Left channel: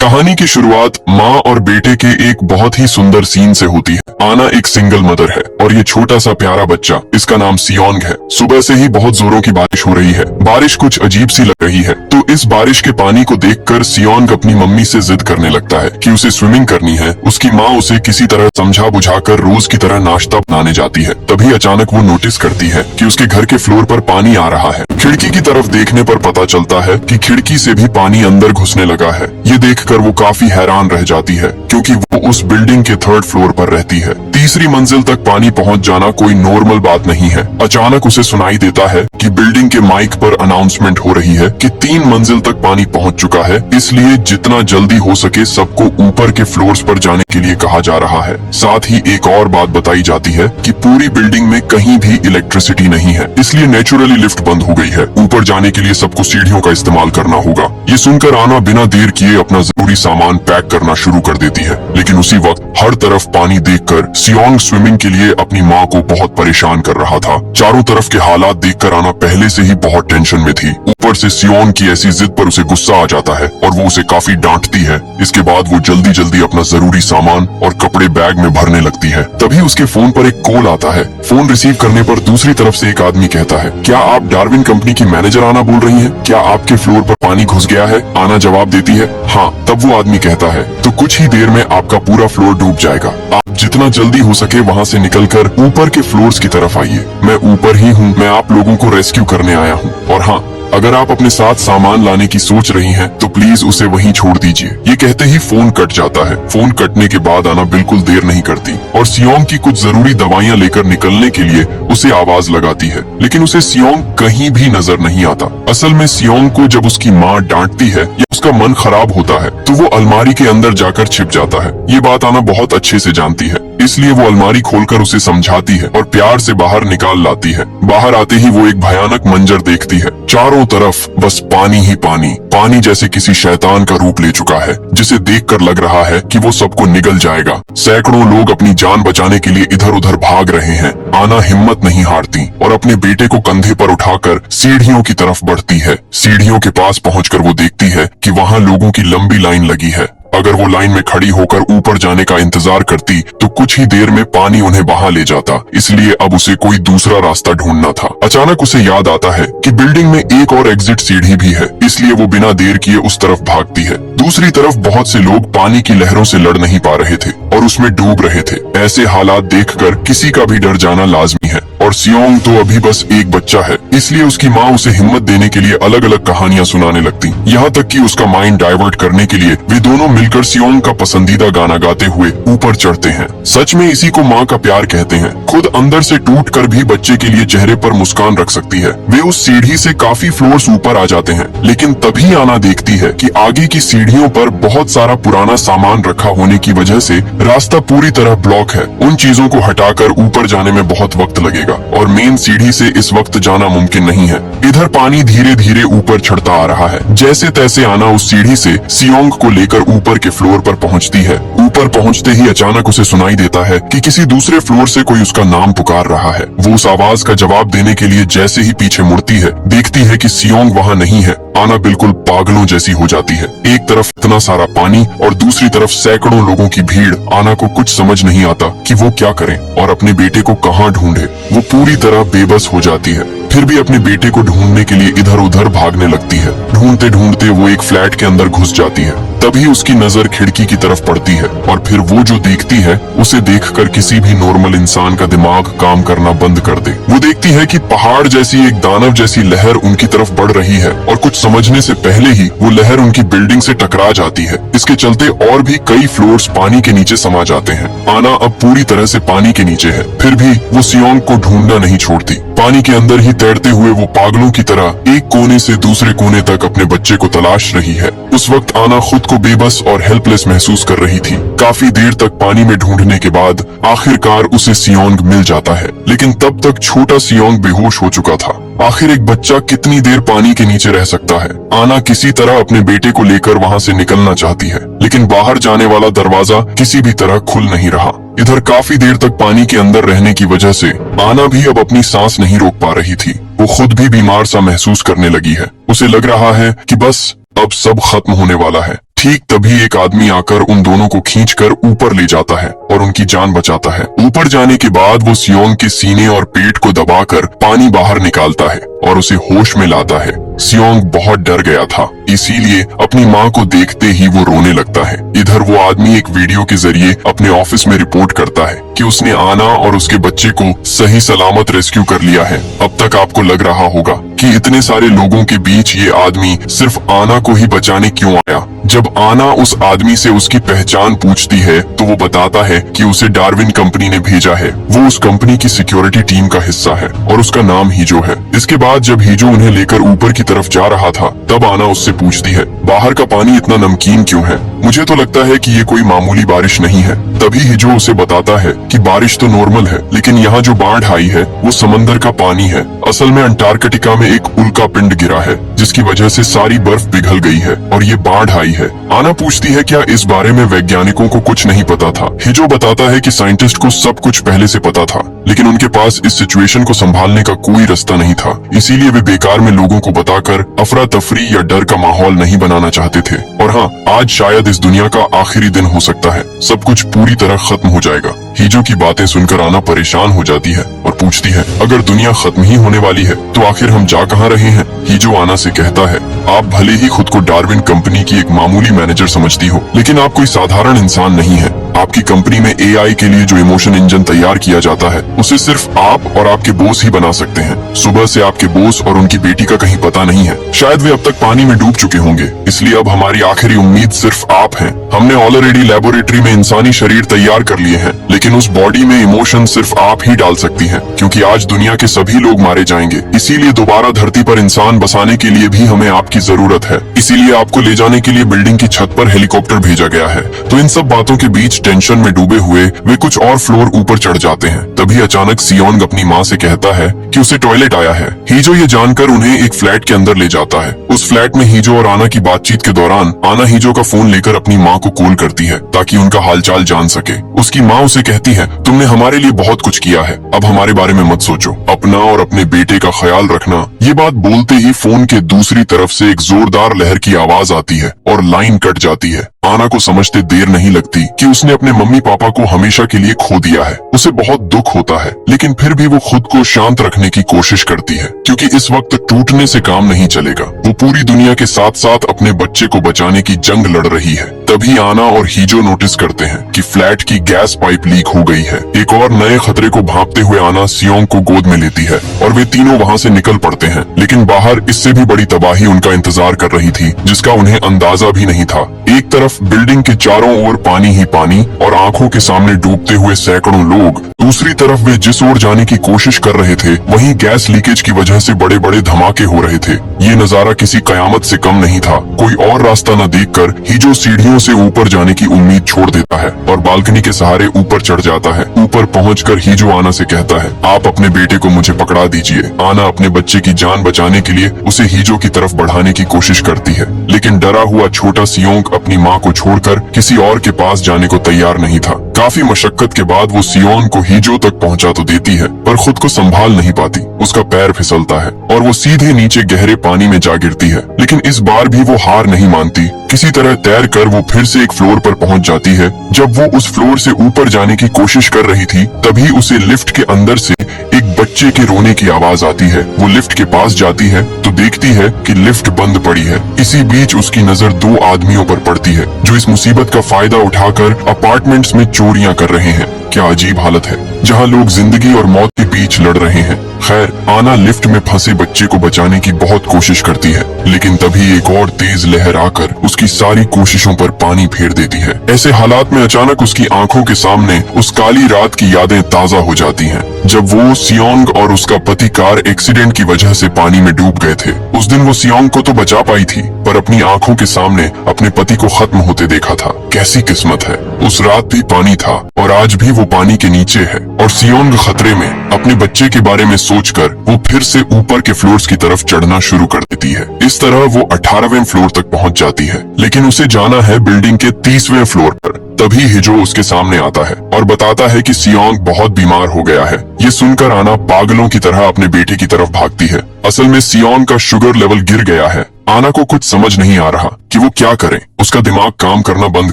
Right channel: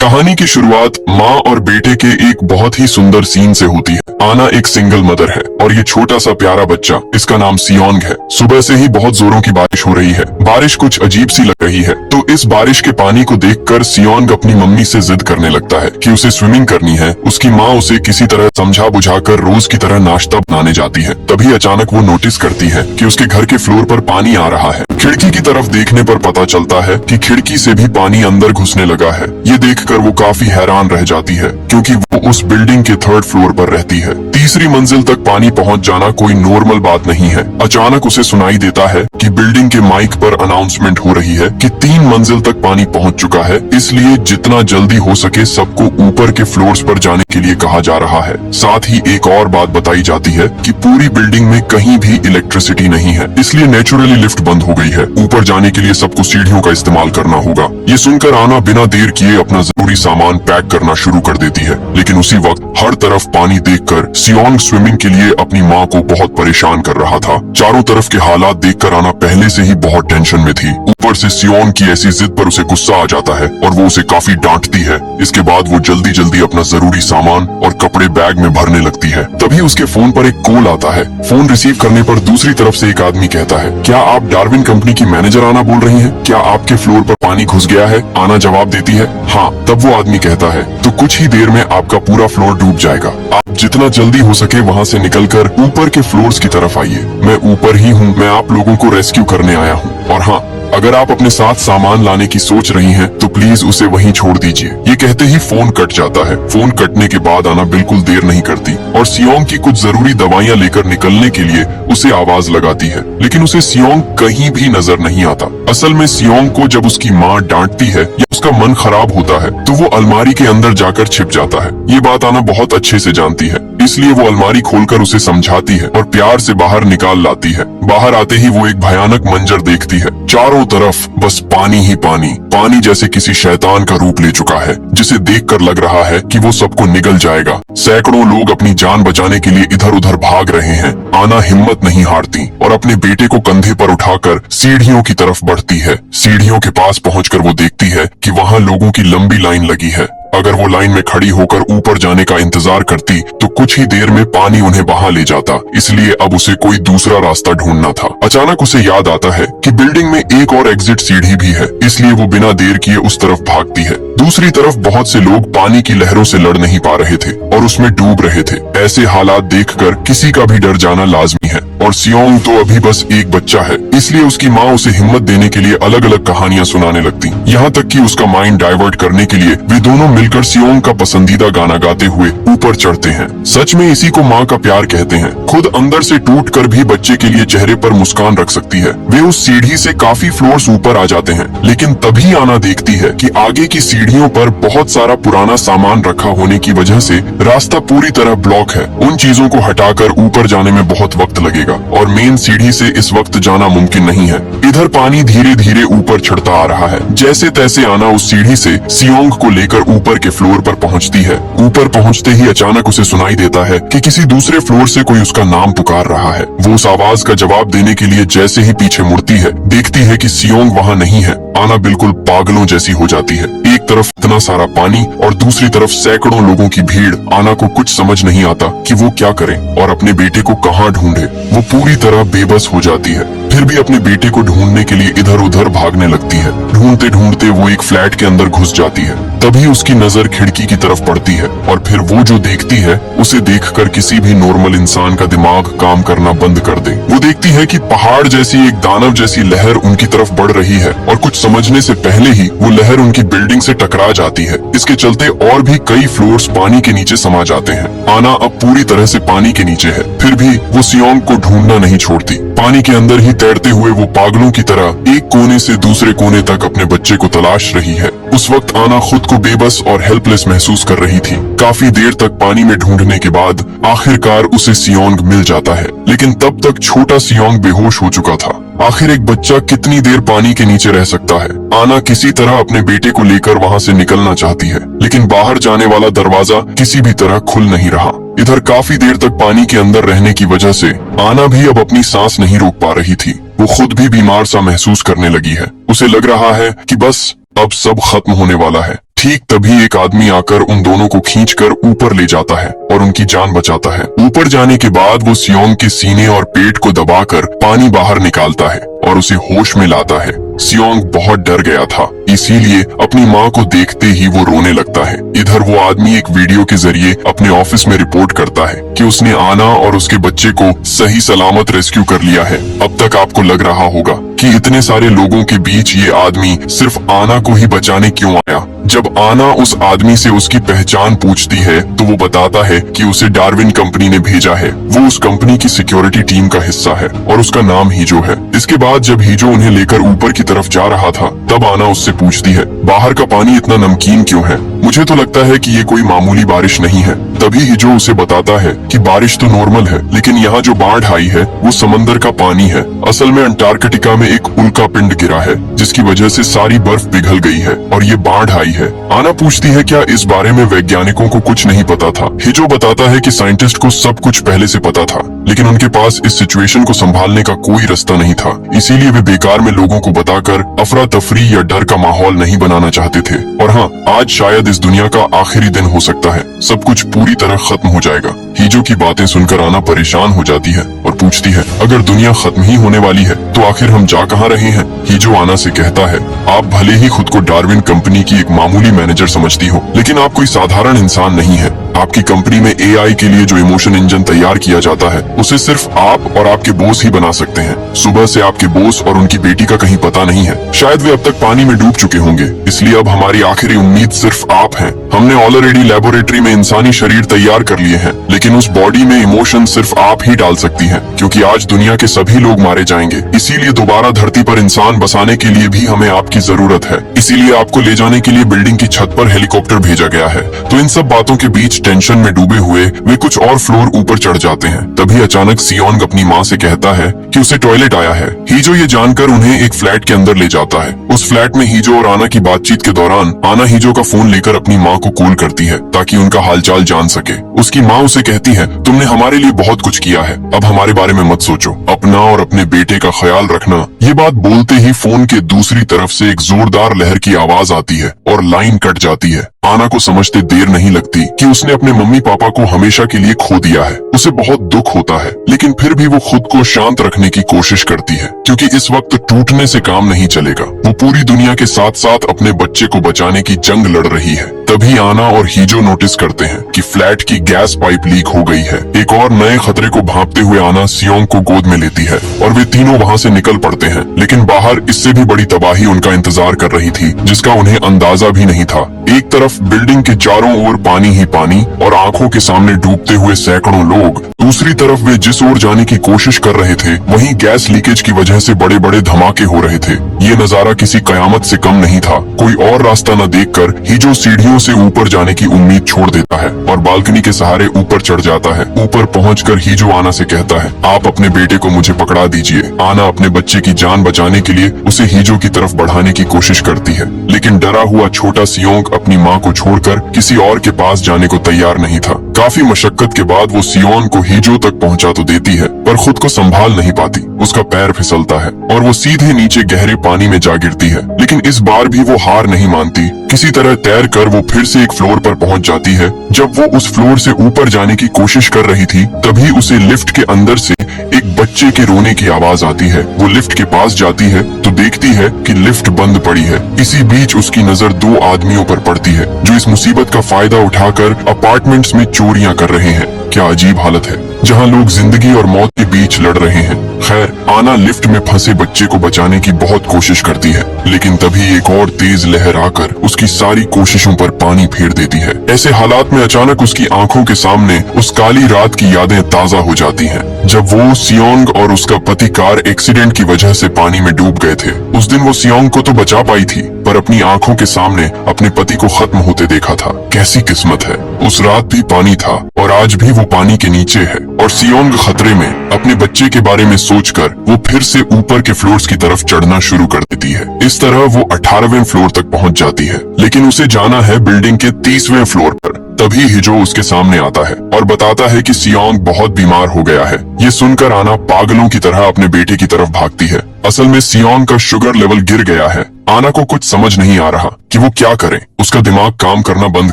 कहानी की शुरुआत माँ और बेटे के एक बहुत ही सुंदर सीन से होती है। आना एक सिंगल मदर है और ये छोटा सा प्यारा बच्चा, इसका नाम सियोंग है। सुबह से ही बहुत जोरों की बारिश हो रही है। बारिश कुछ अजीब सी लग रही है, तो इस बारिश के पानी को देखकर सियोंग अपनी मम्मी से जिद करने लगता है कि उसे स्विमिंग करनी है। उसकी माँ उसे किसी तरह समझा बुझाकर रोज की तरह नाश्ता बनाने जाती है। तभी अचानक वो नोटिस करती है कि उसके घर के फ्लोर पर पानी आ रहा है। खिड़की की तरफ देखने पर पता चलता है कि खिड़की से भी पानी अंदर घुसने लगा है। ये देखकर वो काफी हैरान रह जाती है, क्योंकि वो उस बिल्डिंग के 3rd फ्लोर पर रहती है। तीसरी मंजिल तक पानी पहुंच जाना कोई नॉर्मल बात नहीं है। अचानक उसे सुनाई देता है कि बिल्डिंग के माइक पर अनाउंसमेंट हो रही है कि 3 मंजिल तक पानी पहुंच चुका है, इसलिए जितना जल्दी हो सके सबको ऊपर के फ्लोर्स पर जाने के लिए कहा जा रहा है। साथ ही एक और बात बताई जाती है कि पूरी बिल्डिंग में कहीं भी इलेक्ट्रिसिटी नहीं है, इसलिए नेचुरली लिफ्ट बंद हो गई है। ऊपर जाने के लिए सबको सीढ़ियों का इस्तेमाल करना होगा। ये सुनकर आना बिना देर किए अपना जरूरी सामान पैक करना शुरू कर देती है, लेकिन उसी वक्त हर तरफ पानी देखकर सियोंग स्विमिंग के लिए अपनी माँ को बहुत परेशान कर रहा था। चारों तरफ के हालात देखकर आना पहले से ही बहुत टेंशन में थी। ऊपर से सियोंग की ऐसी जिद पर उसे गुस्सा आ जाता है और वो उसे काफी डांटती है। इसके बाद वो जल्दी जल्दी अपना जरूरी सामान और कपड़े बैग में भरने लगती है। तभी उसके फोन पर एक कॉल आता है। फोन रिसीव करने पर दूसरी तरफ से एक आदमी कहता है, क्या आप डार्विन कंपनी की मैनेजर आना बोल रही हैं? क्या आपके फ्लोर पर पानी घुस गया है? आना जवाब देती है, हाँ। तब वो आदमी कहता है, तो कुछ ही देर में आपका पूरा फ्लोर डूब जाएगा। आप जितना जल्दी हो सके वहाँ से निकलकर ऊपर के फ्लोर्स की तरफ आइए। मैं ऊपर ही हूँ, मैं आप लोगों को रेस्क्यू करने आया हूँ। और हाँ, अगर आप अपने साथ सामान लाने की सोच रही हैं, तो प्लीज उसे वहीं छोड़ दीजिए। ये कहते ही फोन कट जाता है। फोन कटने के बाद आना बिल्कुल देर नहीं करती और सियोंग की कुछ जरूरी दवाइयाँ लेकर निकलने के लिए उसे आवाज लगाती है, लेकिन उसे सियोंग कहीं भी नजर नहीं आता। असल में सियोंग को जब उसकी माँ डांटती है या उसका मन खराब होता है, तो वो अलमारी के अंदर जाकर छिप जाता है। ये बात आना बहुत अच्छे से जानती है, इसलिए वो अलमारी खोलकर उसे समझाती है और प्यार से बाहर निकाल लाती है। बाहर आते ही वो एक भयानक मंजर देखती है। चारों तरफ बस पानी ही पानी। पानी जैसे किसी शैतान का रूप ले चुका है, जिसे देखकर लग रहा है कि वो सबको निगल जाएगा। सैकड़ों लोग अपनी जान बचाने के लिए इधर उधर भाग रहे हैं। आना हिम्मत नहीं हारती और अपने बेटे को कंधे पर उठाकर सीढ़ियों की तरफ बढ़ती है। सीढ़ियों के पास पहुंचकर वो देखती है कि वहाँ लोगों की लंबी लाइन लगी है। अगर वो लाइन में खड़ी होकर ऊपर जाने का इंतजार करती, तो कुछ ही देर में पानी उन्हें बहा ले जाता। इसलिए अब उसे कोई दूसरा रास्ता ढूंढना था। अचानक उसे याद आता है कि बिल्डिंग में एक और एग्जिट सीढ़ी भी है, इसलिए वो बिना देर किए उस तरफ भागती है। दूसरी तरफ बहुत से लोग पानी की लहरों से लड़ नहीं पा रहे थे और उसमें डूब रहे थे। ऐसे हालात देखकर किसी का भी डर जाना लाजमी है और सियोंग तो अभी बस एक बच्चा है, इसलिए उसकी माँ उसे हिम्मत देने के लिए अलग अलग कहानियां सुनाने लगती। यहाँ तक कि उसका माइंड डाइवर्ट करने के लिए वे दोनों मिलकर सियोंग का पसंदीदा गाना गाते हुए ऊपर चढ़ते हैं। सच में इसी को माँ का प्यार कहते हैं। खुद अंदर से टूट कर भी बच्चे के लिए चेहरे पर मुस्कान रख सकती है। वे उस सीढ़ी से काफी फ्लोर्स ऊपर आ जाते हैं, लेकिन तभी आना देखती है कि आगे की सीढ़ियों पर बहुत सारा पुराना सामान रखा होने की वजह से रास्ता पूरी तरह ब्लॉक है। उन चीजों को हटाकर ऊपर जाने में बहुत वक्त लगेगा और मेन सीढ़ी से इस वक्त जाना मुमकिन नहीं है। इधर पानी धीरे धीरे ऊपर चढ़ता आ रहा है। जैसे तैसे आना उस सीढ़ी से सियोंग को लेकर ऊपर के फ्लोर पर पहुंचती है। ऊपर पहुंचते ही अचानक उसे सुनाई देता है कि किसी दूसरे फ्लोर से कोई उसका नाम पुकार रहा है। वो उस आवाज का जवाब देने के लिए जैसे ही पीछे मुड़ती है, देखती है कि सियोंग वहाँ नहीं है। आना बिल्कुल पागलों जैसी हो जाती है। एक तरफ इतना सारा पानी और दूसरी तरफ सैकड़ों लोगों की भीड़। आना को कुछ समझ नहीं आता कि वो क्या करे और अपने बेटे को कहाँ ढूंढे। वो पूरी तरह बेबस हो जाती है। फिर भी अपने बेटे को ढूंढने के लिए इधर उधर भागने लगती है। ढूंढते ढूंढते वो एक फ्लैट के अंदर घुस जाती है। तभी उसकी नजर खिड़की की तरफ पड़ती है और फिर वो जो देखती है, उसे देखकर किसी भी नॉर्मल इंसान का दिमाग काम करना बंद कर दे। वो देखती है कि पहाड़ जैसी एक दानव जैसी लहर उनकी तरफ बढ़ रही है और कुछ समझने से पहले ही वो लहर उनकी बिल्डिंग से टकरा जाती है। इसके चलते और भी कई फ्लोर्स पानी के नीचे समा जाते हैं। आना अब पूरी तरह से पानी के नीचे है, फिर भी वो सियोंग को ढूंढना नहीं छोड़ती। पानी के अंदर ही तैरते हुए वो पागलों की तरह एक कोने से दूसरे कोने तक अपने बच्चे को तलाश रही है। उस वक्त आना खुद को बेबस और हेल्पलेस महसूस कर रही थी। काफी देर तक पानी में ढूंढने के बाद आखिरकार उसे सियोंग मिल जाता है, लेकिन तब तक छोटा सियोंग बेहोश हो चुका था। आखिर एक बच्चा कितनी देर पानी के नीचे रह सकता है। आना किसी तरह अपने बेटे को लेकर वहाँ से निकलना चाहती है, लेकिन बाहर जाने वाला दरवाजा किसी भी तरह खुल नहीं रहा। इधर काफी देर तक पानी के अंदर रहने की वजह से आना भी अब अपनी सांस नहीं रोक पा रही थी। वो खुद भी बीमार सा महसूस करने लगी है। उसे लग रहा है कि बस अब सब खत्म होने वाला है। ठीक तभी एक आदमी आकर उन दोनों को खींचकर ऊपर ले जाता है और उनकी जान बचाता है। ऊपर जाने के बाद वो सियोंग के सीने और पेट को दबाकर पानी बाहर निकालता है और उसे होश में लाता है। सियोंग बहुत डर गया था, इसीलिए अपनी माँ को देखते ही वो रोने लगता है। इधर वो आदमी एक वीडियो के जरिए अपने ऑफिस में रिपोर्ट करता है कि उसने आना और उसके बच्चे को सही सलामत रेस्क्यू कर लिया है। अब तक आपको लग रहा होगा कि इतने सारे लोगों के बीच ये आदमी सिर्फ आना को ही बचाने क्यों आया। जब आना उस आदमी से उसकी पहचान पूछती है तो वो बताता है कि उसे डार्विन कंपनी ने भेजा है। वो उस कंपनी की सिक्योरिटी टीम का हिस्सा है और उसका नाम हीजो है। इसके बाद जब हीजो उन्हें लेकर ऊपर की तरफ जा रहा था तब आना उससे पूछती है, बाहर का पानी इतना नमकीन क्यों है? मुझे तो लगता है कि ये कोई मामूली बारिश नहीं है। तभी हीजो उसे बताता है कि बारिश तो नॉर्मल है, लेकिन यहाँ जो बाढ़ आई है वो समंदर का पानी है। असल में अंटार्कटिका में एक उल्का पिंड गिरा है जिसकी वजह से सारी बर्फ पिघल गई है और ये बाढ़ आई है। आना पूछती है क्या इस बारे में वैज्ञानिकों को कुछ नहीं पता था? हीजो बताता है कि साइंटिस्ट को सब कुछ पहले से पता था, लेकिन उनके पास इस सिचुएशन को संभालने का कोई रास्ता नहीं था। इसीलिए वे बेकार में लोगों को बताकर अफरा तफरी या डर का माहौल नहीं बनाना चाहते थे। और हाँ, आज शायद इस दुनिया का आखिरी दिन हो सकता है, सब कुछ पूरी तरह खत्म हो जाएगा। हीजो की बातें सुनकर आना परेशान हो जाती है और पूछती है, अगर दुनिया खत्म ही होने वाली है तो आखिर हम जा कहाँ रहे हैं? हीजो आना से कहता है, आप भले ही खुद को डार्विन कंपनी की एक मामूली मैनेजर समझती हो, लेकिन आप कोई साधारण इंसान नहीं है। आपकी कंपनी में एआई के लिए जो इमोशन इंजन तैयार किया जाता है उसे सिर्फ आप और आपके बॉस ही बना सकते हैं। सुबह से आपके बॉस और उनकी बेटी का कहीं पता नहीं है। शायद वे अब तक पानी में डूब चुके होंगे, इसलिए अब हमारी आखिरी उम्मीद सिर्फ आप हैं। हमने ऑलरेडी लेबोरेटरी में इंसानी शरीर तैयार कर लिए हैं, लेकिन उस बॉडी में इमोशन सिर्फ आप ही डाल सकती हैं, क्योंकि आज दुनिया के सभी लोग मारे जाएंगे। इसीलिए दोबारा धरती पर इंसान बसाने के लिए भी हमें आपकी जरूरत है। इसीलिए आपको ले जाने के लिए बिल्डिंग की छत पर हेलीकॉप्टर भेजा गया है। तो इन सब बातों के बीच टेंशन में डूबे हुए वे कुछ और फ्लोर ऊपर चढ़ जाते हैं। तभी अचानक सियोंग अपनी माँ से कहता है कि उसे टॉयलेट आया है। हीजो ये जानकर उन्हें एक फ्लैट के अंदर ले जाता है। उस फ्लैट में हीजो और आना की बातचीत के दौरान आना हीजो का फोन लेकर अपनी माँ को कॉल करती है ताकि उनका हालचाल जान सके। उसकी माँ उसे कहती है, तुमने हमारे लिए बहुत कुछ किया है, अब हमारे बारे में मत सोचो, अपना और अपने बेटे का ख्याल रखना। ये बात बोलते ही फोन के दूसरी तरफ से एक जोरदार लहर की आवाज आती है और लाइन कट जाती है। आना को समझते देर नहीं लगती कि उसने अपने मम्मी पापा को हमेशा के लिए खो दिया है। उसे बहुत दुख होता है, लेकिन फिर भी वो खुद को शांत रखने की कोशिश करती है, क्योंकि इस वक्त टूटने से काम नहीं चलेगा। वो पूरी दुनिया के साथ साथ अपने बच्चे को बचाने की जंग लड़ रही है। तभी आना और हीजो नोटिस करते हैं कि फ्लैट की गैस पाइप लीक हो गई है। एक और नए खतरे को भांपते हुए आना सियोंग को गोद में लेती है और वे तीनों वहाँ से निकल पड़ते हैं। लेकिन बाहर इससे भी बड़ी तबाही उनका इंतजार कर रही थी, जिसका उन्हें अंदाजा भी नहीं था। एक तरफ बिल्डिंग के चारों ओर पानी ही पानी और आंखों के सामने डूबते हुए सैकड़ों लोग, दूसरी तरफ वे जिस ओर जाने की कोशिश कर रहे थे वहीं गैस लीकेज की वजह से बड़े बड़े धमाके हो रहे थे। ये नजारा किसी कयामत से कम नहीं था। कोई और रास्ता न देखकर हीजो सीढ़ियों से ऊपर जाने की उम्मीद छोड़ देता है और बालकनी के सहारे ऊपर चढ़ जाता है। ऊपर पहुंचकर हीजो आना से कहता है, आप अपने बेटे को मुझे पकड़ा दीजिए। आना अपने बच्चे की जान बचाने के लिए उसे हीजो की तरफ बढ़ाने की कोशिश करती है, लेकिन डरा हुआ छोटा सियोंग अपनी माँ को छोड़कर किसी और के पास जाने को तैयार नहीं था। काफी मशक्कत के बाद वो सियोंग को हीजो तक पहुंचा तो देती है, पर खुद को संभाल नहीं पाती। उसका पैर फिसलता है और वो सीधे नीचे गहरे पानी में जा गिरती है। लेकिन इस बार भी वो हार नहीं मानती। किसी तरह तैर कर वो फिर से एक फ्लोर पर पहुंच जाती है। जब वो उस फ्लोर से ऊपर जाने की कोशिश कर रही थी तभी उसे लिफ्ट के अंदर से एक बच्चे के रोने की आवाज आती है। वो लिफ्ट के पास जाती है तो देखती है कि लिफ्ट बंद पड़ी है। इसी बीच उसकी नजर दो आदमियों पर पड़ती है जो इस मुसीबत का फायदा उठाकर अपार्टमेंट्स में चोरियां कर रहे हैं। क्या अजीब हालत है, जहां लोग जिंदगी और मौत के बीच लड़ रहे हैं। खैर, आना लिफ्ट में फंसे बच्चे को बचाने की बहुत कोशिश करती है, लेकिन तभी एक और तेज लहर आकर उसकी सारी कोशिशों पर पानी फेर देती है। ऐसे हालात में अचानक उसकी आंखों के सामने उस काली रात की यादें ताजा हो जाती हैं, जब वो सियोंग और उसका पति कार एक्सीडेंट की वजह से पानी में डूब गए थे। उस दिन वो सियोंग को तो बचा पाई थी, पर अपनी आंखों के सामने अपने पति को खत्म होते देखा था। कैसी किस्मत है, उस रात भी पानी था और आज भी वो पानी के नीचे है। और सियोंग खतरे में अपने बच्चे के बारे में सोचकर वो फिर से ऊपर के फ्लोर्स की तरफ चढ़ना शुरू कर देती है। इस तरह वो 18वें फ्लोर तक पहुंच जाती है, लेकिन उसे जाना है बिल्डिंग के 30वें फ्लोर पर। तभी हिजो उसके सामने आता है और बताता है कि सियोंग बहुत बीमार हो गया है। ये सुनकर आना पागलों की तरह अपने बेटे की तरफ भागती है। असल में सियोंग का शुगर लेवल गिर गया है। आना को कुछ समझ नहीं आ रहा कि वो क्या करे। उसका दिमाग काम करना बंद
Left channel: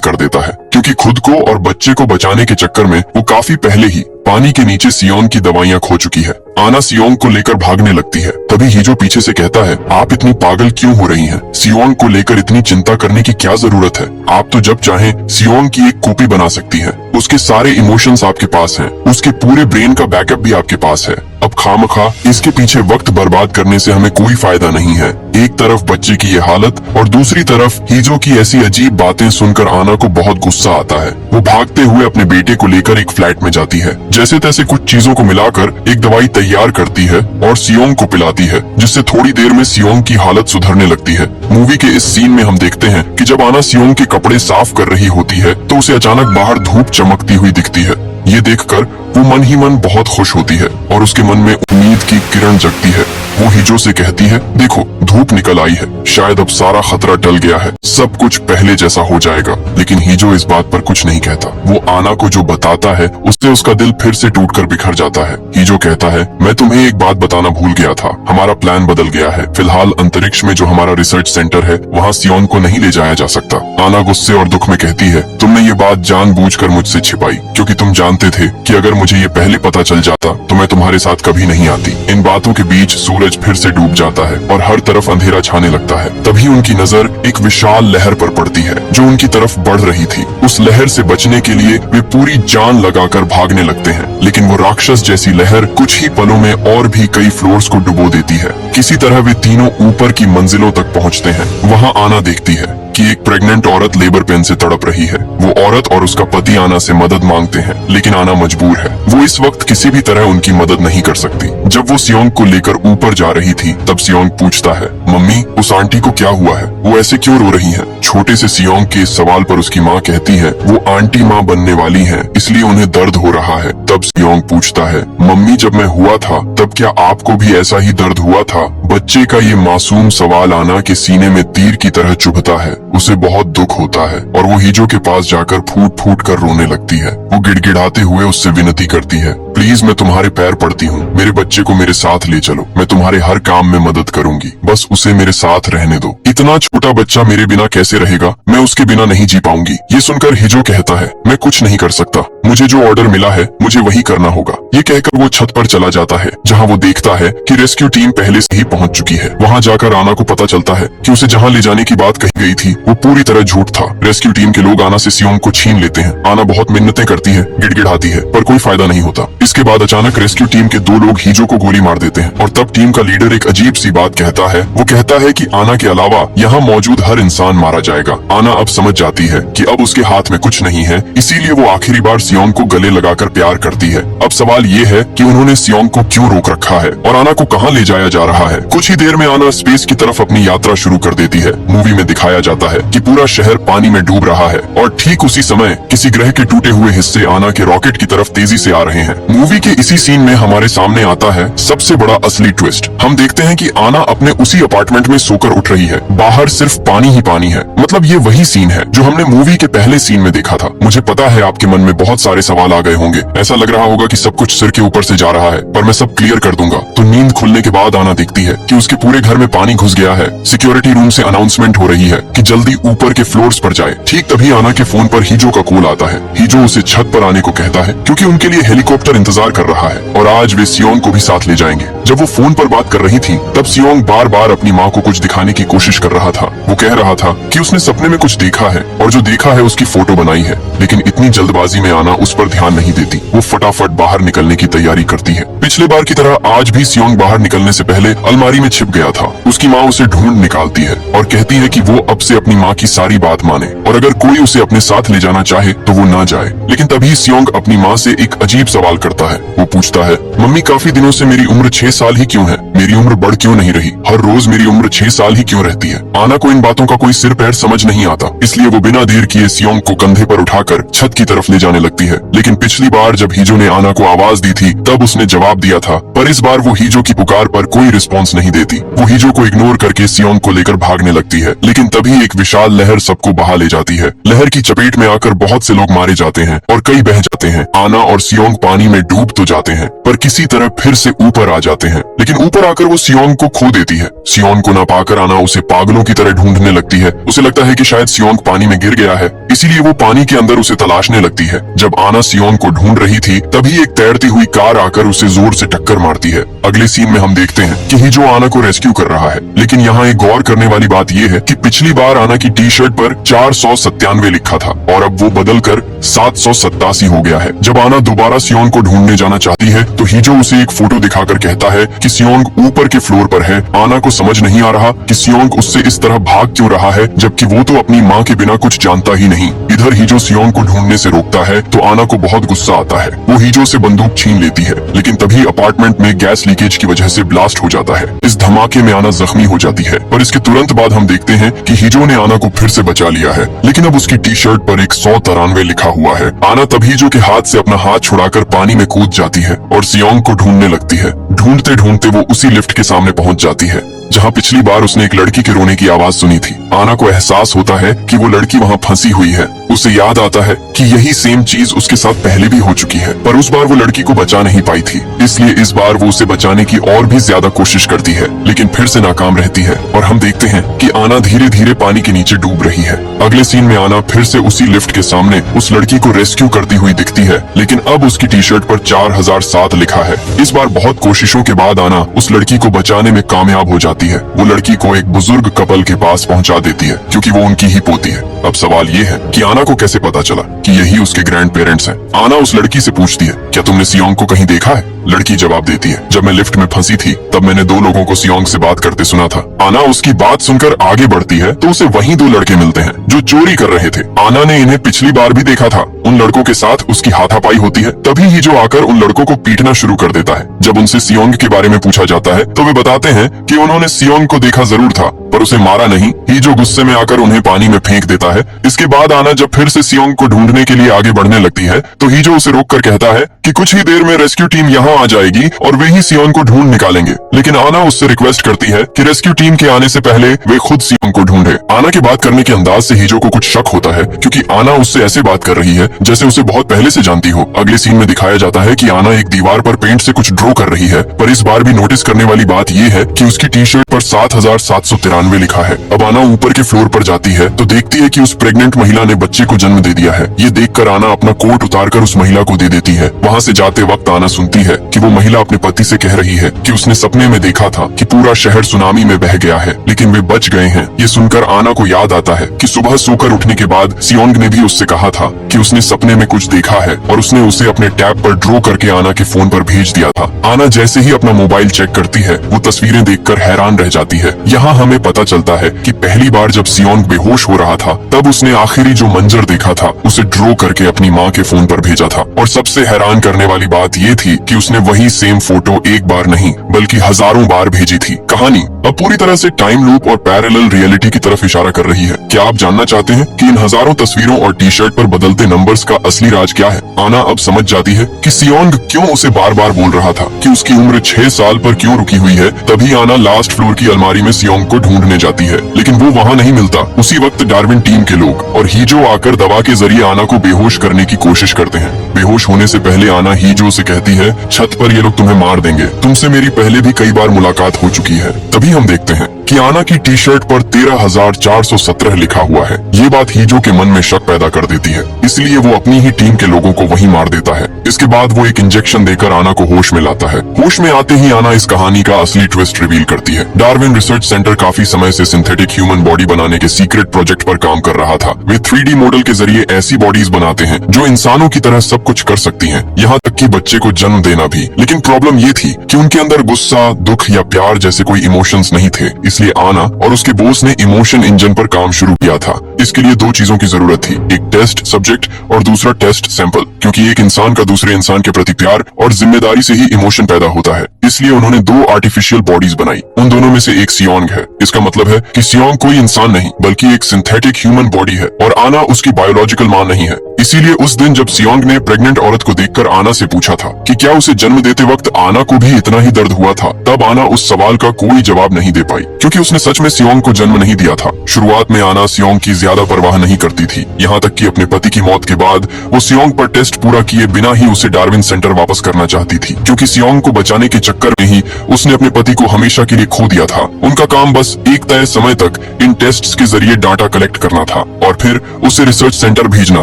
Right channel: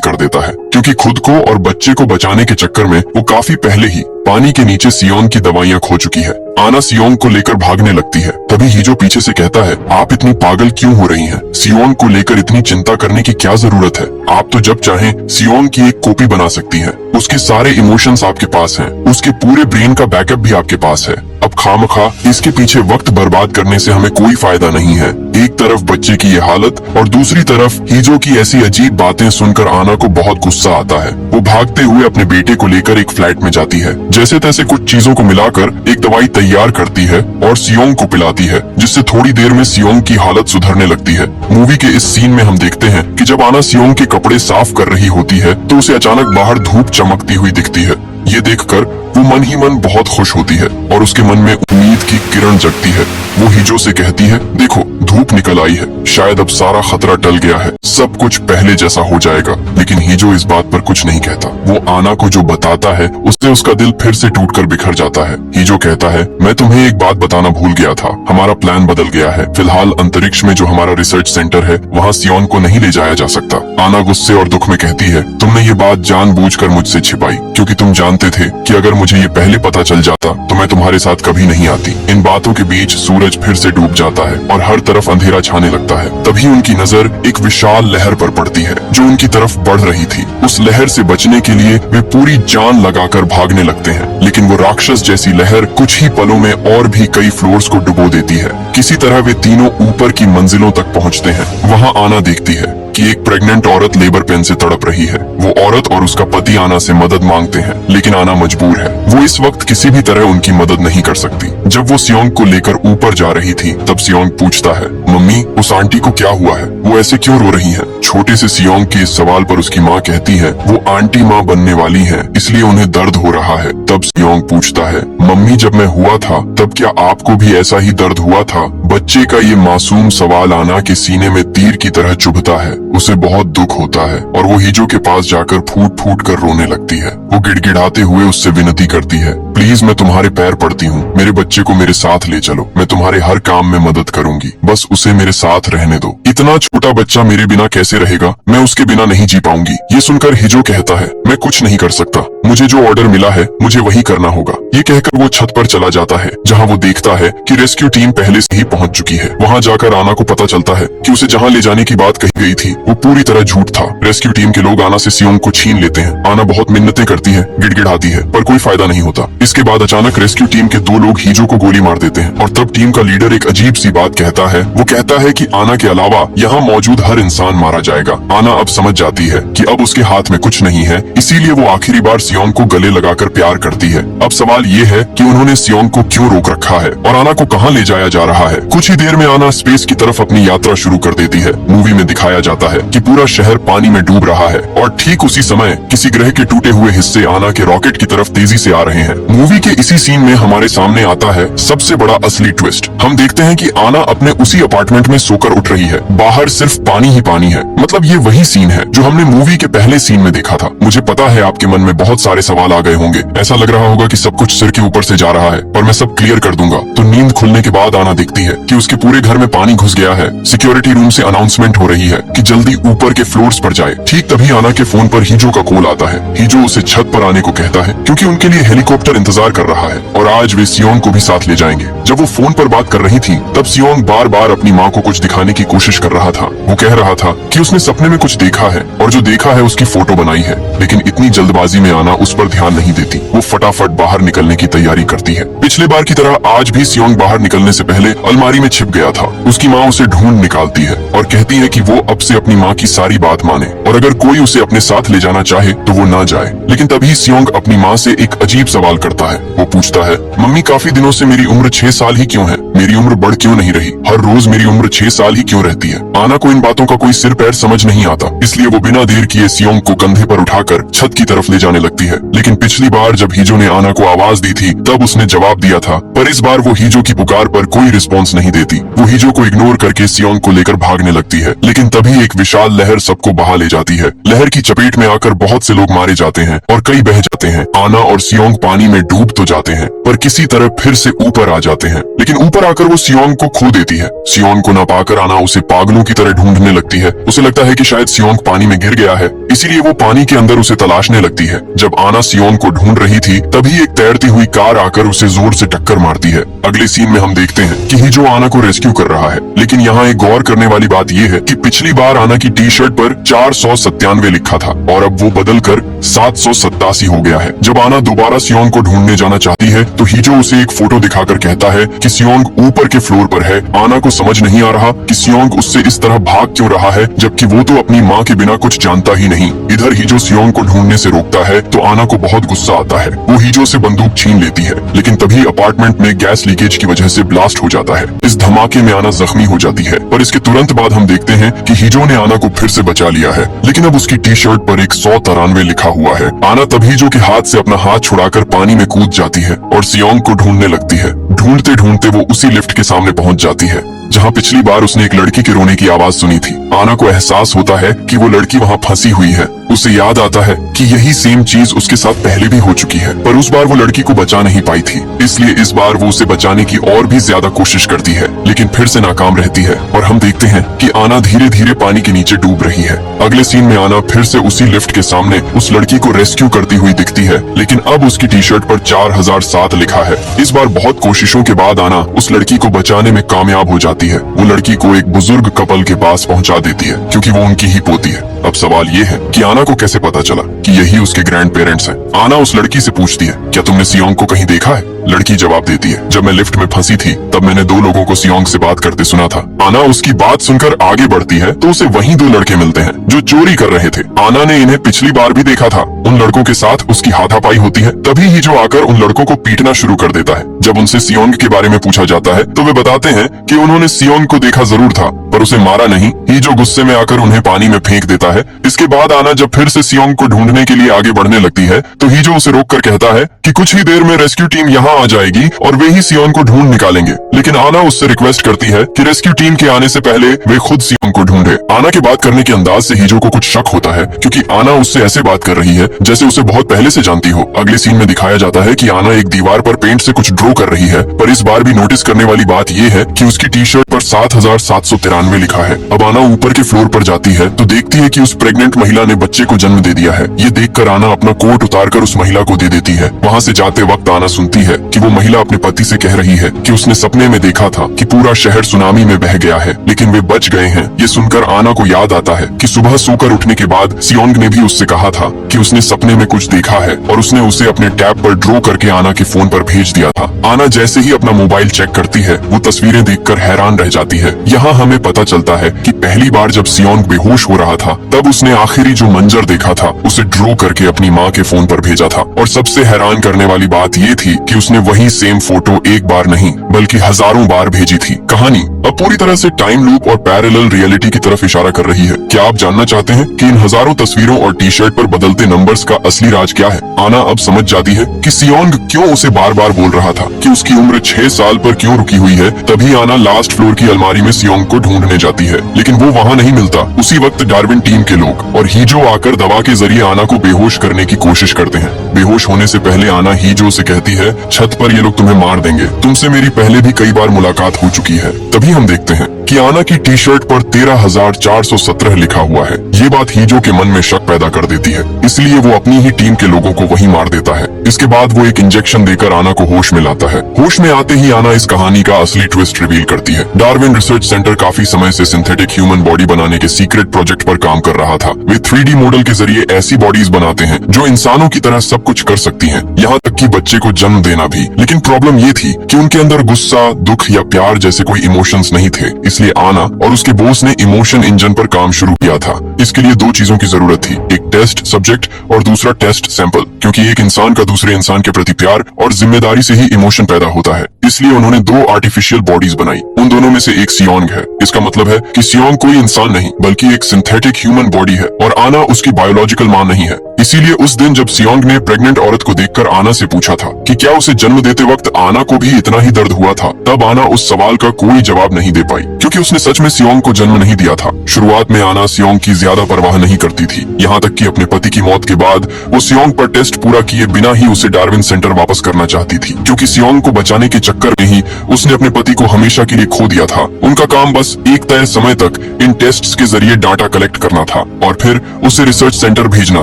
कर देता है क्योंकि खुद को और बच्चे को बचाने के चक्कर में वो काफी पहले ही पानी के नीचे सियोंग की दवाइयां खो चुकी है। आना सियोंग को लेकर भागने लगती है। तभी हिजो पीछे से कहता है, आप इतनी पागल क्यों हो रही हैं? सियोंग को लेकर इतनी चिंता करने की क्या जरूरत है? आप तो जब चाहें सियोंग की एक कॉपी बना सकती हैं। उसके सारे इमोशंस आपके पास हैं। उसके पूरे ब्रेन का बैकअप भी आपके पास है। अब खामखा इसके पीछे वक्त बर्बाद करने से हमें कोई फायदा नहीं है। एक तरफ बच्चे की ये हालत और दूसरी तरफ हिजो की ऐसी अजीब बातें सुनकर आना को बहुत गुस्सा आता है। वो भागते हुए अपने बेटे को लेकर एक फ्लैट में जाती है। जैसे तैसे कुछ चीजों को मिलाकर एक दवाई तैयार करती है और सियोंग को पिलाती है, जिससे थोड़ी देर में सियोंग की हालत सुधरने लगती है। मूवी के इस सीन में हम देखते हैं कि जब आना सियोंग के कपड़े साफ कर रही होती है तो उसे अचानक बाहर धूप चमकती हुई दिखती है। ये देखकर वो मन ही मन बहुत खुश होती है और उसके मन में उम्मीद की किरण जगती है। वो हिजो से कहती है, देखो धूप निकल आई है, शायद अब सारा खतरा टल गया है, सब कुछ पहले जैसा हो जाएगा। लेकिन हिजो इस बात पर कुछ नहीं कहता। वो आना को जो बताता है उससे उसका दिल फिर से टूटकर बिखर जाता है। हिजो कहता है, मैं तुम्हें एक बात बताना भूल गया था, हमारा प्लान बदल गया है। फिलहाल अंतरिक्ष में जो हमारा रिसर्च सेंटर है वहाँ सियोन को नहीं ले जाया जा सकता। आना गुस्से और दुख में कहती है, तुमने ये बात जानबूझकर मुझसे छिपाई क्योंकि तुम जानते थे कि अगर मुझे ये पहले पता चल जाता तो मैं तुम्हारे साथ कभी नहीं आती। इन बातों के बीच सूरज फिर से डूब जाता है और हर तरफ अंधेरा छाने लगता है। तभी उनकी नजर एक विशाल लहर पर पड़ती है जो उनकी तरफ बढ़ रही थी। उस लहर से बचने के लिए वे पूरी जान लगाकर भागने लगते हैं, लेकिन वो राक्षस जैसी लहर कुछ ही पलों में और भी कई फ्लोर्स को डुबो देती है। किसी तरह वे तीनों ऊपर की मंजिलों तक पहुँचते हैं। वहाँ आना देखती है कि एक प्रेग्नेंट औरत लेबर पेन से तड़प रही है। वो औरत और उसका पति आना से मदद मांगते हैं, लेकिन आना मजबूर है। वो इस वक्त किसी भी तरह उनकी मदद नहीं कर सकती। जब वो सियोंग को लेकर ऊपर जा रही थी तब सियोंग पूछता है, मम्मी उस आंटी को क्या हुआ है? वो ऐसे क्यों रो रही है? छोटे से सियोंग के इस सवाल पर उसकी माँ कहती है, वो आंटी माँ बनने वाली है, इसलिए उन्हें दर्द हो रहा है। तब सियोंग पूछता है, मम्मी जब मैं हुआ था तब क्या आपको भी ऐसा ही दर्द हुआ था? बच्चे का ये मासूम सवाल आना के सीने में तीर की तरह चुभता है। उसे बहुत दुख होता है और वो हिजो के पास जाकर फूट फूट कर रोने लगती है। वो गिड़गिड़ाते हुए उससे विनती करती है, प्लीज मैं तुम्हारे पैर पड़ती हूँ, मेरे बच्चे को मेरे साथ ले चलो, मैं तुम्हारे हर काम में मदद करूंगी, बस उसे मेरे साथ रहने दो। इतना छोटा बच्चा मेरे बिना कैसे रहेगा? मैं उसके बिना नहीं जी पाऊंगी। ये सुनकर हिजो कहता है, मैं कुछ नहीं कर सकता, मुझे जो ऑर्डर मिला है मुझे वही करना होगा। ये कहकर वो छत पर चला जाता है जहाँ वो देखता है कि रेस्क्यू टीम पहले से ही पहुँच चुकी है। वहाँ जाकर आना को पता चलता है कि उसे जहाँ ले जाने की बात कही गई थी वो पूरी तरह झूठ था। रेस्क्यू टीम के लोग आना से सियोंग को छीन लेते हैं। आना बहुत मिन्नतें करती है, गिड़गिड़ाती है, पर कोई फायदा नहीं होता। इसके बाद अचानक रेस्क्यू टीम के दो लोग हिजो को गोली मार देते हैं और तब टीम का लीडर एक अजीब सी बात कहता है। वो कहता है कि आना के अलावा यहाँ मौजूद हर इंसान मारा जाएगा। आना अब समझ जाती है कि अब उसके हाथ में कुछ नहीं है, इसीलिए वो आखिरी बार सियोंग को गले लगाकर प्यार करती है। अब सवाल ये है कि उन्होंने सियोंग को क्यों रोक रखा है और आना को कहाँ ले जाया जा रहा है। कुछ ही देर में आना स्पेस की तरफ अपनी यात्रा शुरू कर देती है। मूवी में दिखाया जाता है कि पूरा शहर पानी में डूब रहा है और ठीक उसी समय किसी ग्रह के टूटे हुए हिस्से आना के रॉकेट की तरफ तेजी से आ रहे हैं। मूवी के इसी सीन में हमारे सामने आता है सबसे बड़ा असली ट्विस्ट। हम देखते हैं कि आना अपने उसी अपार्टमेंट में सोकर उठ रही है। बाहर सिर्फ पानी ही पानी है। मतलब ये वही सीन है जो हमने मूवी के पहले सीन में देखा था। मुझे पता है आपके मन में बहुत सारे सवाल आ गए होंगे। ऐसा लग रहा होगा कि सब कुछ सिर के ऊपर से जा रहा है, पर मैं सब क्लियर कर दूंगा। तो नींद खुलने के बाद आना दिखती है कि उसके पूरे घर में पानी घुस गया है। सिक्योरिटी रूम से अनाउंसमेंट हो रही है कि जल्दी ऊपर के फ्लोर्स पर जाए। ठीक तभी आना के फोन पर हिजो का कॉल आता है। हिजो उसे छत पर आने को कहता है क्योंकि उनके लिए हेलीकॉप्टर इंतजार कर रहा है और आज वे सियोंग को भी साथ ले जाएंगे। जब वो फोन पर बात कर रही थी तब सियोंग बार बार अपनी माँ को कुछ दिखाने की कोशिश कर रहा था। वो कह रहा था कि उसने सपने में कुछ देखा है और जो देखा है उसकी फोटो बनाई है, लेकिन इतनी जल्दबाजी में आना उस पर ध्यान नहीं देती। वो फटाफट बाहर निकलने की तैयारी करती है। पिछले बार की तरह आज भी सियोंग बाहर निकलने से पहले अलमारी में छिप गया था। उसकी माँ उसे ढूंढ निकालती है और कहती है कि वो अब से अपनी माँ की सारी बात माने और अगर कोई उसे अपने साथ ले जाना चाहे तो वो न जाए। लेकिन तभी सियोंग अपनी माँ से एक अजीब सवाल करता है। वो पूछता है, मम्मी काफी दिनों से मेरी उम्र 6 साल ही क्यों है? मेरी उम्र बढ़ क्यों नहीं रही? हर रोज मेरी उम्र 6 साल ही क्यों रहती है? आना को इन बातों का कोई सिर पैर समझ नहीं आता, इसलिए वो बिना देर किए सियोंग को कंधे पर उठाकर छत की तरफ ले जाने लगती है। लेकिन पिछली बार जब हिजो ने आना को आवाज दी थी तब उसने जवाब दिया था, पर इस बार वो हिजो की पुकार पर कोई रिस्पॉन्स नहीं देती। वो हिजो को इग्नोर करके सियोंग को लेकर भागने लगती है। लेकिन तभी एक विशाल लहर सबको बहा ले जाती है। लहर की चपेट में आकर बहुत से लोग मारे जाते हैं और कई बह जाते हैं। आना और सियोंग पानी में डूब तो जाते हैं पर किसी तरह फिर से ऊपर आ जाते हैं, लेकिन ऊपर आकर वो सियोंग को खो देती है। सियोंग को न पाकर आना उसे पागलों की तरह ढूंढने लगती है। उसे लगता है कि शायद सियोंग पानी में गिर गया है, इसीलिए वो पानी के अंदर उसे तलाशने लगती है। जब आना सियोंग को ढूंढ रही थी तभी एक तैरती हुई कार आकर उसे जोर से टक्कर मारती है। अगले सीन में हम देखते हैं कि हिजो आना को रेस्क्यू कर रहा है, लेकिन यहाँ एक गौर करने वाली बात यह है कि पिछली बार आना की टी शर्ट पर 497 लिखा था और अब वो बदलकर 787 हो गया है। जब आना दोबारा सियोंग को ढूंढने जाना चाहती है तो हिजो उसे एक फोटो दिखाकर कहता है कि सियोंग ऊपर के फ्लोर पर है। आना को समझ नहीं आ रहा कि सियोंग उससे इस तरह भाग क्यों रहा है, जबकि वो तो अपनी माँ के बिना कुछ जानता ही नहीं। इधर हिजो सियोंग को ढूंढने से रोकता है तो आना को बहुत गुस्सा आता है। वो हिजो से बंदूक छीन लेती है, लेकिन तभी अपार्टमेंट में गैस लीकेज की वजह से ब्लास्ट हो जाता है। इस धमाके में आना जख्मी हो जाती है और इसके तुरंत बाद हम देखते हैं कि हिजो ने आना को फिर से बचा लिया है, लेकिन अब उसकी टी शर्ट पर 193 लिखा हुआ है। आना तभी हिजो के हाथ से अपना हाथ छुड़ाकर पानी में कूद जाती है और सियोंग को ढूंढने लगती है। ढूंढते ढूंढते वो उसी लिफ्ट के सामने पहुंच जाती है जहां पिछली बार उसने एक लड़की के रोने की आवाज सुनी थी। आना को एहसास होता है कि वो लड़की वहां फंसी हुई है। उसे याद आता है कि यही सेम चीज उसके साथ पहले भी हो चुकी है, पर उस बार वो लड़की को बचा नहीं पाई थी, इसलिए इस बार वो उसे बचाने की और भी ज्यादा कोशिश करती है, लेकिन फिर से नाकाम रहती है और हम देखते हैं कि आना धीरे धीरे पानी के नीचे डूब रही है। अगले सीन में आना फिर से उसी लिफ्ट के सामने उस लड़की को रेस्क्यू करती हुई दिखती है, लेकिन अब उसकी टी शर्ट पर 4007 लिखा है। इस बार बहुत कोशिशों के बाद आना उस लड़की को बचाने में कामयाब हो जाती है। वो लड़की को एक बुजुर्ग कपल के पास पहुंचा देती है क्योंकि वो उनकी ही पोती है। अब सवाल ये है कि आना को कैसे पता चला कि यही उसके ग्रैंड पेरेंट्स हैं। आना उस लड़की से पूछती है, क्या तुमने सियोंग को कहीं देखा है? लड़की जवाब देती है, जब मैं लिफ्ट में फंसी थी तब मैंने 2 लोगों को सियोंग से बात करते सुना था। आना उसकी बात सुनकर आगे बढ़ती है तो उसे वहीं 2 लड़के मिलते हैं जो चोरी कर रहे थे। आना ने इन्हें पिछली बार भी देखा था। उन लड़कों के साथ उसकी हाथापाई होती है, तभी ही जो आकर उन लड़कों को पीटना शुरू कर देता है। जब उनसे सियोंग के बारे में पूछा जाता है तो वे बताते हैं कि उन्होंने सियोंग को देखा जरूर था पर उसे मारा नहीं। ही जो गुस्से में आकर उन्हें पानी में फेंक देता है। इसके बाद आना जब फिर से सियोंग को ढूंढने के लिए आगे बढ़ने लगती है तो ही जो उसे रोककर कहता है कि कुछ ही देर में रेस्क्यू टीम यहाँ आ जाएगी और वे ही सियोंग को ढूंढ निकालेंगे, लेकिन आना उससे रिक्वेस्ट करती है कि रेस्क्यू टीम के आने से पहले वे खुद सियोंग को ढूंढे। आना के बात करने के अंदाज से हिजो को कुछ शक होता है क्योंकि आना उससे ऐसे बात कर रही है जैसे उसे बहुत पहले से जानती हो। अगले सीन में दिखाया जाता है कि आना एक दीवार पर पेंट से कुछ ड्रॉ कर रही है, पर इस बार भी नोटिस करने वाली बात यह है कि उसकी टी शर्ट पर 7793 लिखा है। अब आना ऊपर के फ्लोर पर जाती है तो देखती है कि उस प्रेग्नेंट महिला ने बच्चे को जन्म दे दिया है। ये देखकर आना अपना कोट उतारकर उस महिला को दे देती है। वहाँ से जाते वक्त आना सुनती है कि वो महिला अपने पति से कह रही है कि उसने सपने में देखा था कि पूरा शहर सुनामी में बह गया है, लेकिन वे बच गए हैं। ये सुनकर आना को याद आता है कि सुबह सोकर उठने के बाद सियोंग ने भी उससे कहा था कि उसने सपने में कुछ देखा है और उसने उसे अपने टैब पर ड्रॉ करके आना के फोन पर भेज दिया था। आना जैसे ही अपना मोबाइल चेक करती है वो तस्वीरें देखकर हैरान रह जाती है। यहाँ हमें पता चलता है कि पहली बार जब सियोंग बेहोश हो रहा था तब उसने आखिरी जो मंजर देखा था उसे ड्रॉ करके अपनी माँ के फोन पर भेजा था। और सबसे हैरान करने वाली बात ये थी कि उसने वही सेम फोटो एक बार नहीं बल्कि हजारों बार भेजी थी। कहानी अब पूरी तरह से टाइम लूप और पैरेलल रियलिटी की तरफ इशारा कर रही है। क्या आप जानना चाहते हैं कि इन हजारों तस्वीरों और टी शर्ट पर बदलते नंबर्स का असली राज क्या है? आना अब समझ जाती है कि सियोंग क्यों उसे बार बार बोल रहा था कि उसकी उम्र 6 साल पर क्यों रुकी हुई है। तभी आना लास्ट फ्लोर की अलमारी में सियोंग को ढूंढने जाती है, लेकिन वो वहाँ नहीं मिलता। उसी वक्त डार्विन टीम के लोग और हीजो आकर दवा के जरिए आना को बेहोश करने की कोशिश करते हैं। बेहोश होने से पहले आना हीजो से कहती है, छत पर ये लोग तुम्हें मार देंगे, तुमसे मेरी पहले भी कई बार मुलाकात हो चुकी है। तभी हम देखते हैं कि आना की टी शर्ट पर 13,417 लिखा हुआ है। ये बात हीजो के मन में शक पैदा कर देती है, इसलिए वो अपनी ही टीम के लोगों को वहीं मार देता है। इसके बाद वो एक इंजेक्शन देकर आना को होश में लाता है। होश में आते ही आना इस कहानी का असली ट्विस्ट रिवील करती है। डार्विन रिसर्च सेंटर काफी समय से सिंथेटिक ह्यूमन बॉडी बनाने के सीक्रेट प्रोजेक्ट पर काम कर रहा था। वे 3D मॉडल के जरिए ऐसी बॉडीज बनाते हैं जो इंसानों की तरह सब कुछ कर सकती हैं, यहाँ तक कि बच्चे को जन्म देना भी। लेकिन प्रॉब्लम ये थी कि उनके अंदर गुस्सा, दुख या प्यार जैसे कोई इमोशंस नहीं थे। इसलिए आना और उसके बॉस ने इमोशन इंजन पर काम शुरू किया था। इसके लिए दो चीजों की जरूरत थी, एक टेस्ट सब्जेक्ट और दूसरा टेस्ट सैंपल, क्योंकि एक इंसान का दूसरे इंसान के प्रति प्यार और जिम्मेदारी से ही इमोशन पैदा होता है। इसलिए उन्होंने दो आर्टिफिशियल बॉडीज बनाई। उन दोनों में से एक सियोंग है। इसका मतलब है कि सियोंग कोई इंसान नहीं बल्कि एक सिंथेटिक ह्यूमन बॉडी है और आना उसकी बायोलॉजिकल मां नहीं है। इसीलिए उस दिन जब सियोंग ने प्रेग्नेंट औरत को देखकर आना से पूछा था कि क्या उसे जन्म देते वक्त आना को भी इतना ही दर्द हुआ था, तब आना उस सवाल का कोई जवाब नहीं दे पाई, क्योंकि उसने सच में सियोंग को जन्म नहीं दिया था। शुरुआत में आना सियोंग की ज्यादा परवाह नहीं करती थी, यहाँ तक कि अपने पति की मौत के बाद वो सियोंग पर टेस्ट पूरा किए बिना ही उसे डार्विन सेंटर वापस करना चाहती थी, क्योंकि सियोंग को बचाने के चक्कर में ही उसने अपने पति को हमेशा के लिए खो दिया था। उनका काम बस एक तय समय तक इन टेस्ट्स के जरिए डाटा कलेक्ट करना था और फिर उसे रिसर्च सेंटर भेजना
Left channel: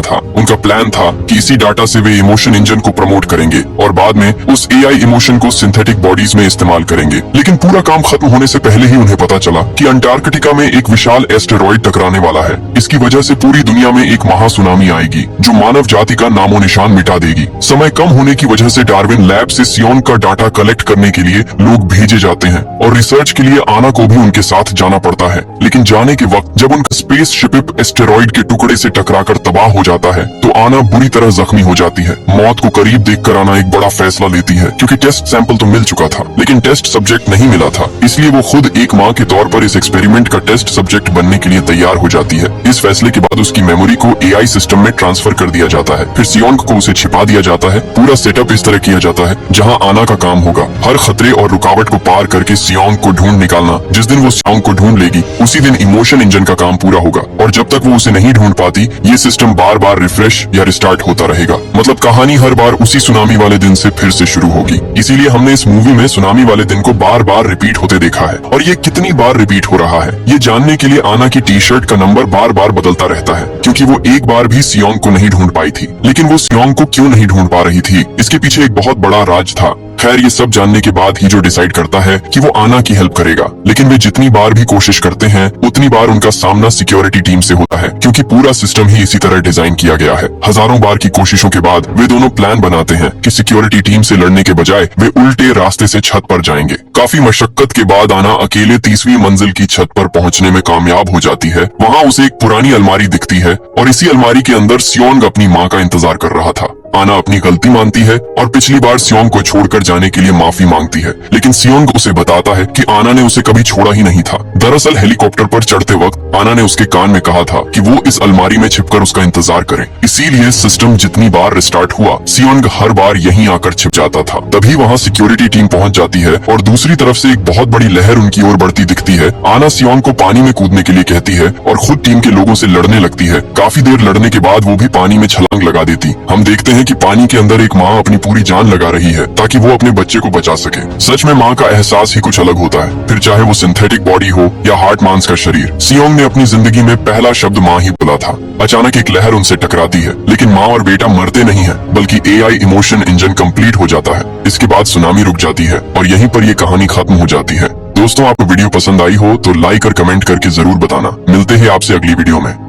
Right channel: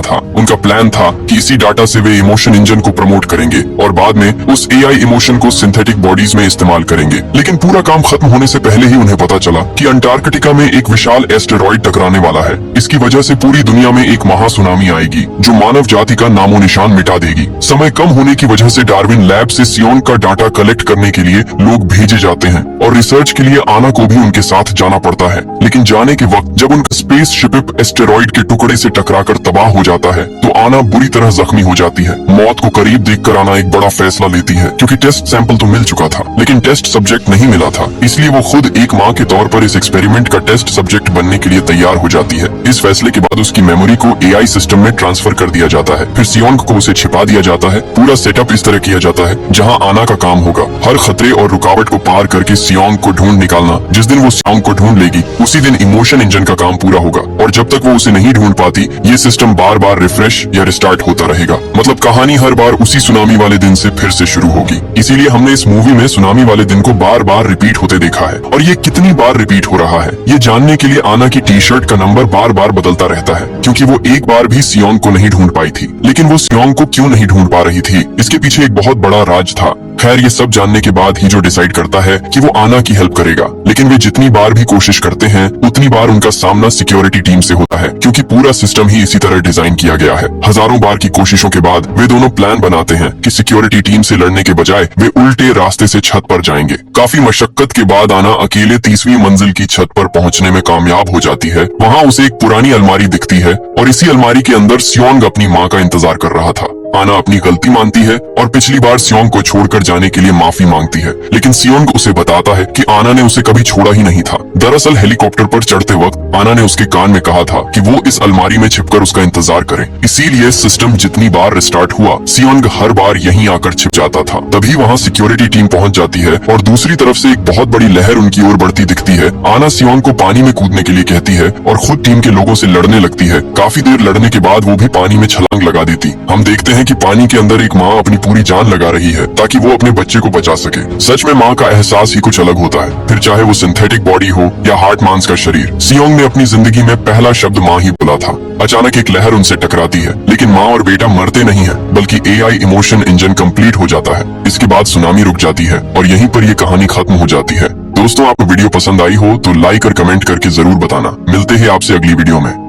था। उनका प्लान था कि इसी डाटा से वे इमोशन इंजन को प्रमोट करेंगे और बाद में उस एआई इमोशन को सिंथेटिक बॉडीज में इस्तेमाल करेंगे। लेकिन पूरा काम खत्म होने से पहले ही उन्हें पता चला कि अंटार्कटिका में एक विशाल एस्टेरॉइड टकराने वाला है। इसकी वजह से पूरी दुनिया में एक महासुनामी आएगी जो मानव जाति का नामो निशान मिटा देगी। समय कम होने की वजह से डार्विन लैब से सियोंग का डाटा कलेक्ट करने के लिए लोग भेजे जाते हैं और रिसर्च के लिए आना को भी उनके साथ जाना पड़ता है। लेकिन जाने के वक्त जब उनका स्पेस शिप एस्टेरॉइड के टुकड़े से टकराकर तबाह हो जाता है तो आना बुरी तरह जख्मी हो जाती है। मौत को करीब देखकर आना एक बड़ा फैसला लेती है, क्योंकि टेस्ट सैंपल तो मिल चुका था लेकिन टेस्ट सब्जेक्ट नहीं मिला था। इसलिए वो खुद एक माँ के तौर पर इस एक्सपेरिमेंट का टेस्ट सब्जेक्ट बनने के लिए तैयार हो जाती है। इस फैसले के बाद उसकी मेमोरी को एआई सिस्टम में ट्रांसफर कर दिया जाता है। फिर सियोंग को उसे छिपा दिया जाता है। पूरा सेटअप इस तरह किया जाता है जहाँ आना का काम होगा हर खतरे और रुकावट को पार करके सियोंग को ढूंढ निकालना। जिस दिन वो सियोंग को ढूंढ लेगी उसी दिन इमोशन इंजन का काम पूरा होगा और जब तक वो उसे नहीं ढूंढ पाती ये सिस्टम बार बार रिफ्रेश या रिस्टार्ट होता रहेगा। मतलब कहानी हर बार उसी सुनामी वाले दिन से फिर से शुरू होगी। इसीलिए हमने इस मूवी में सुनामी वाले दिन को बार बार रिपीट होते देखा है। और ये कितनी बार रिपीट हो रहा है ये जानने के लिए आना की टी शर्ट का नंबर बार बार बदलता रहता है, क्योंकि वो एक बार भी सियोंग को नहीं ढूंढ पाई थी। लेकिन वो सियोंग को क्यों नहीं ढूंढ पा रही थी, इसके पीछे एक बहुत बड़ा राज था। खैर ये सब जानने के बाद ही जो डिसाइड करता है कि वो आना की हेल्प करेगा, लेकिन वे जितनी बार भी कोशिश करते हैं उतनी बार उनका सामना सिक्योरिटी टीम से होता है, क्योंकि पूरा सिस्टम ही इसी तरह डिजाइन किया गया है। हजारों बार की कोशिशों के बाद वे दोनों प्लान बनाते हैं कि सिक्योरिटी टीम से लड़ने के बजाय वे उल्टे रास्ते से छत पर जाएंगे। काफी मशक्कत के बाद आना अकेले 30वीं मंजिल की छत पर पहुंचने में कामयाब हो जाती है। वहाँ उसे एक पुरानी अलमारी दिखती है और इसी अलमारी के अंदर सियोंग अपनी माँ का इंतजार कर रहा था। आना अपनी गलती मानती है और पिछली बार सियोंग को छोड़कर जाने के लिए माफी मांगती है, लेकिन सियोंग उसे बताता है कि आना ने उसे कभी छोड़ा ही नहीं था। दरअसल हेलीकॉप्टर पर चढ़ते वक्त आना ने उसके कान में कहा था कि वो इस अलमारी में छिपकर उसका इंतजार करे। इसीलिए सिस्टम जितनी बार रिस्टार्ट हुआ सियोंग हर बार यहीं आकर छिप जाता था। तभी वहाँ सिक्योरिटी टीम पहुँच जाती है और दूसरी तरफ से एक बहुत बड़ी लहर उनकी ओर बढ़ती दिखती है। आना सियोंग को पानी में कूदने के लिए कहती है और खुद टीम के लोगों से लड़ने लगती है। काफी देर लड़ने के बाद वो भी पानी में छलांग लगा देती। हम देखते हैं कि पानी के अंदर एक माँ अपनी पूरी जान लगा रही है ताकि वो अपने बच्चे को बचा सके। सच में माँ का एहसास ही कुछ अलग होता है, फिर चाहे वो सिंथेटिक बॉडी हो या हार्ट मांस का शरीर। सियोंग ने अपनी जिंदगी में पहला शब्द माँ ही बोला था। अचानक एक लहर उनसे टकराती है, लेकिन माँ और बेटा मरते नहीं है बल्कि एआई इमोशन इंजन कंप्लीट हो जाता है। इसके बाद सुनामी रुक जाती है और यहीं पर ये कहानी खत्म हो जाती है। दोस्तों आपको वीडियो पसंद आई हो तो लाइक और कमेंट करके जरूर बताना। मिलते हैं आपसे अगली वीडियो में।